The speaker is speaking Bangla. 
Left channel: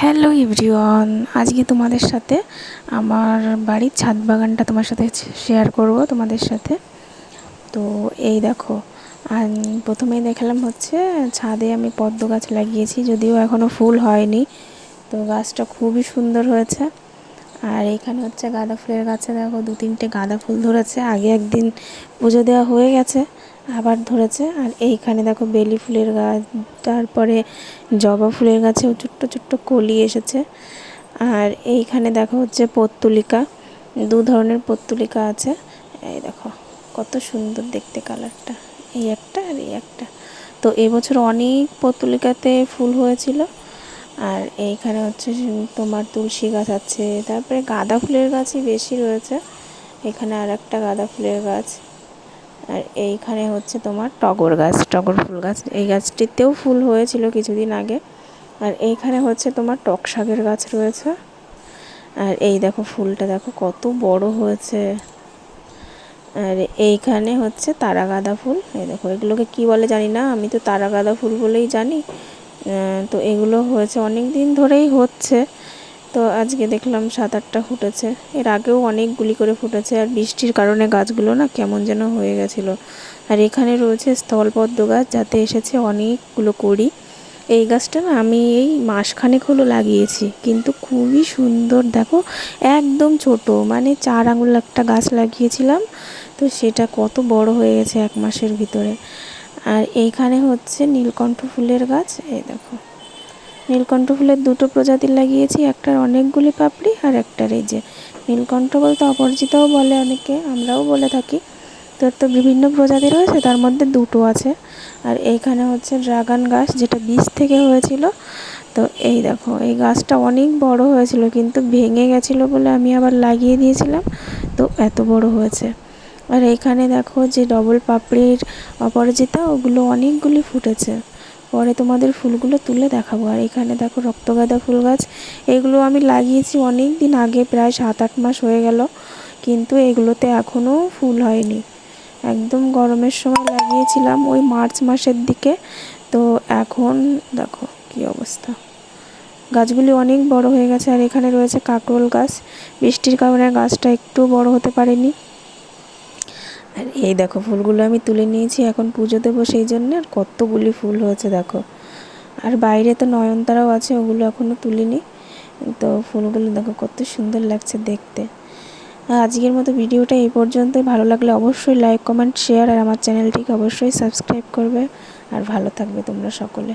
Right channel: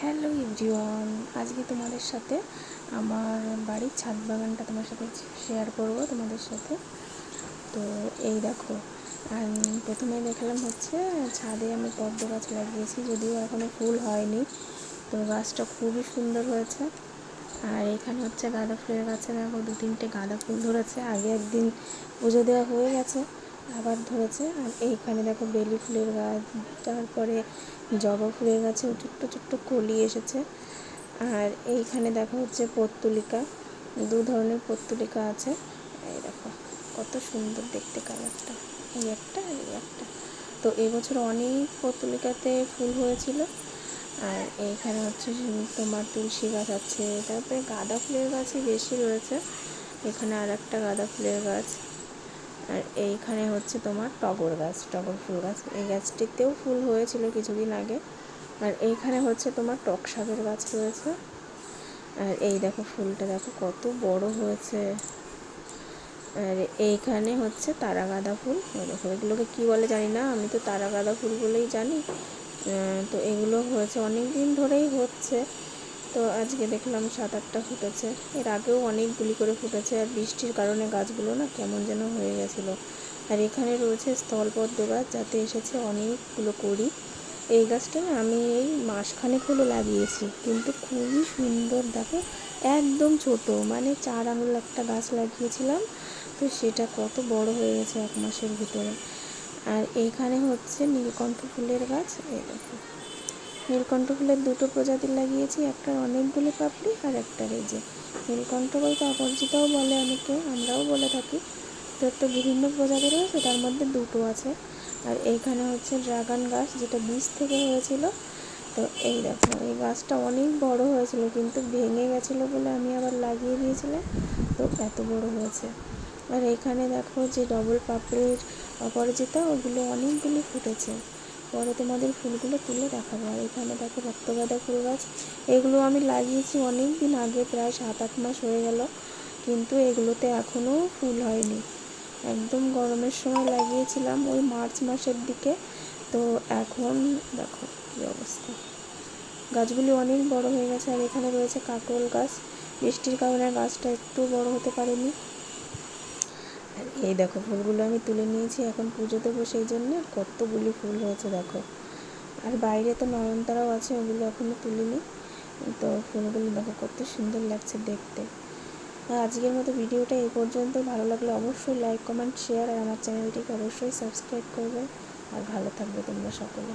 হ্যালো এভরিওয়ান, আজকে তোমাদের সাথে আমার বাড়ির ছাদ বাগানটা তোমার সাথে শেয়ার করব তোমাদের সাথে। তো এই দেখো, আর প্রথমেই দেখালাম হচ্ছে ছাদে আমি পদ্ম গাছ লাগিয়েছি, যদিও এখনও ফুল হয়নি। তো গাছটা খুবই সুন্দর হয়েছে। আর এইখানে হচ্ছে গাঁদা ফুলের গাছে দেখো 2-3টে গাঁদা ফুল ধরেছে, আগে একদিন পুজো দেওয়া হয়ে গেছে, আবার ধরেছে। আর এইখানে দেখো বেলি ফুলের গাছ, তারপরে জবা ফুলের গাছেও ছোট্ট ছোট্ট কলি এসেছে। আর এইখানে দেখো হচ্ছে পর্তুলিকা, 2 ধরনের পর্তুলিকা আছে। এই দেখো কত সুন্দর দেখতে কালারটা, এই একটা আর এই একটা। তো এবছর অনেক পর্তুলিকাতে ফুল হয়েছিল। আর এইখানে হচ্ছে তোমার তুলসী গাছ আছে, তারপরে গাঁদা ফুলের গাছই বেশি রয়েছে। এখানে আর একটা গাঁদা ফুলের গাছ। আর এইখানে হচ্ছে তোমার টগর গাছ, টগর ফুল গাছ, এই গাছটিতেও ফুল হয়েছিল কিছুদিন আগে। আর এইখানে হচ্ছে তোমার টক শাকের গাছ রয়েছে। আর এই দেখো ফুলটা দেখো কত বড় হয়েছে। আর এইখানে হচ্ছে তারা গাঁদা ফুল, এই দেখো এগুলোকে কি বলে জানি না, আমি তো তারা গাঁদা ফুল বলেই জানি। তো এগুলো হয়েছে অনেক দিন ধরেই হচ্ছে। তো আজকে দেখলাম 7-8টা ফুটেছে, এর আগেও অনেকগুলি করে ফুটেছে। আর বৃষ্টির কারণে গাছগুলো না কেমন যেন হয়ে গেছিলো। আর এখানে রয়েছে স্থলপদ্ম গাছ, যাতে এসেছে অনেকগুলো কড়ি। এই গাছটা না আমি এই মাসখানেক হলো লাগিয়েছি, কিন্তু খুবই সুন্দর দেখো, একদম ছোট, মানে 4 আঙুল একটা গাছ লাগিয়েছিলাম, তো সেটা কত বড় হয়ে গেছে 1 মাসের ভিতরে। আর এইখানে হচ্ছে নীলকণ্ঠ ফুলের গাছ, এই দেখো নীলকণ্ঠ ফুলের 2টো প্রজাতির লাগিয়েছি, একটার অনেকগুলি পাপড়ি আর একটার এই যে নীলকণ্ঠ বলতে অপরাজিতাও বলে অনেকে, আমরাও বলে থাকি। তো বিভিন্ন প্রজাতি রয়েছে, তার মধ্যে 2টো আছে। আর এইখানে হচ্ছে ড্রাগন গাছ, যেটা বীজ থেকে হয়েছিল। তো এই দেখো এই গাছটা অনেক বড় হয়েছিল, কিন্তু ভেঙে গেছিলো বলে আমি আবার লাগিয়ে দিয়েছিলাম, তো এত বড় হয়েছে। আর এইখানে দেখো যে ডবল পাপড়ির অপরাজিতা, ওগুলো অনেকগুলি ফুটেছে, পরে তোমাদের ফুলগুলো তুলে দেখাবো। আর এখানে দেখো রক্তগাঁদা ফুল গাছ, এগুলো আমি লাগিয়েছি অনেক দিন আগে, প্রায় 7-8 মাস হয়ে গেল, কিন্তু এগুলোতে এখনও ফুল হয়নি। একদম গরমের সময় লাগিয়েছিলাম, ওই মার্চ মাসের দিকে। তো এখন দেখো কি অবস্থা, গাছগুলি অনেক বড় হয়ে গেছে। আর এখানে রয়েছে কাকরোল গাছ, বৃষ্টির কারণে গাছটা একটু বড় হতে পারেনি। আর এই দেখো ফুলগুলো আমি তুলে নিয়েছি, এখন পুজো দেবো সেই জন্য। আর কতগুলি ফুল হয়েছে দেখো। আর বাইরে তো নয়নতারাও আছে, ওগুলো এখনও তুলিনি। তো ফুলগুলো দেখো কত সুন্দর লাগছে দেখতে। আজকের মতো ভিডিওটা এই পর্যন্তই। ভালো লাগলে অবশ্যই লাইক, কমেন্ট, শেয়ার, আর আমার চ্যানেলটিকে অবশ্যই সাবস্ক্রাইব করবে। আর ভালো থাকবে তোমরা সকলে।